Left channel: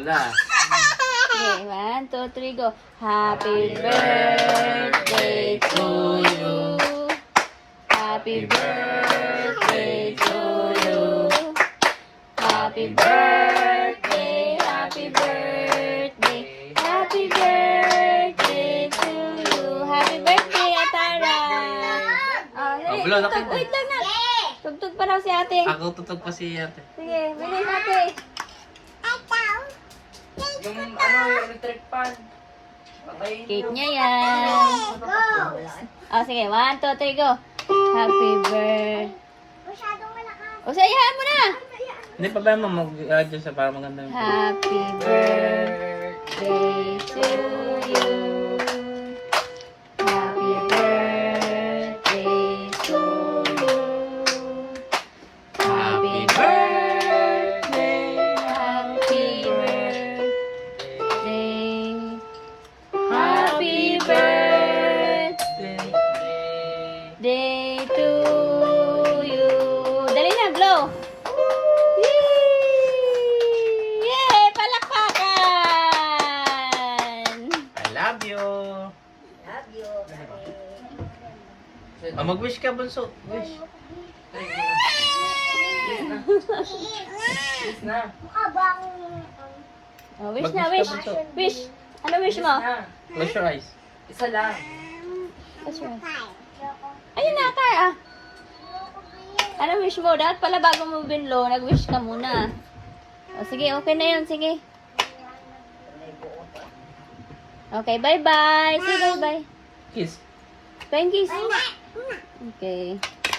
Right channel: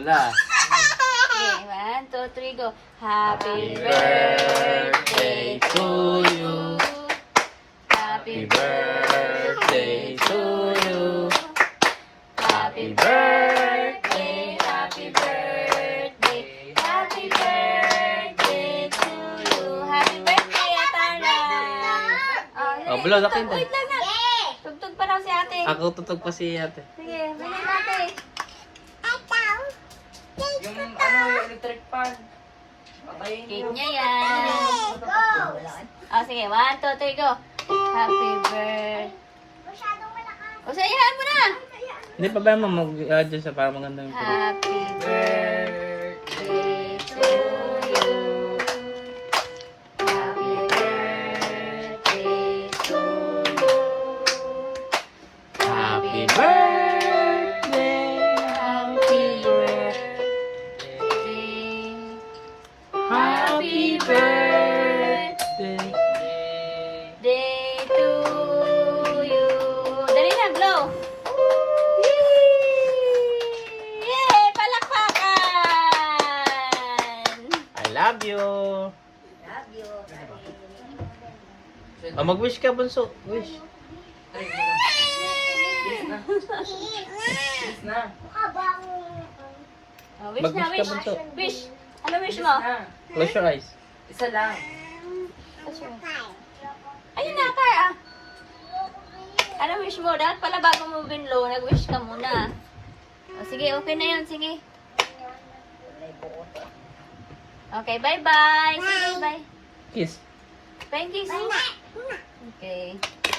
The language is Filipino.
na. Okay, 1, 2, 3, go. Happy birthday to you. Happy birthday to you. Happy birthday, happy birthday, happy birthday to you. Happy birthday, Atara. Oh, bulo, laki ba? Wait lang na. Tugtog pa na si ate. Ako tutog pa si ate. Sige, bigay natin. Yung ano, electric fan. Okay. Cake niya yan. Oh, sige. 1, 2, 3, go. Happy birthday. O, sayahan mo na. Hindi pa ba mo mag-add dyan sa para magandang ito? Happy birthday to you. Happy birthday to you. Happy birthday! Happy birthday. Happy birthday to you. Dali na, blow. Yay! Yay! Palakpakan! I love you! Oh, mag-wish ka, bunso. Wish. Yes na. Oh, wish na, Mag-wish ka, wish. bunso. Wish. Ano wish mo? Na. Close your eyes. Isa lang. Ayun na, Tar, ah. Ano wish mo? Dapat pala bago mo binlo, nag-wish ka muna. Oh, sige, okay na yun. Sige. Okay, bye-bye. Say bye-bye. Kiss. Thank you, sis. Okay.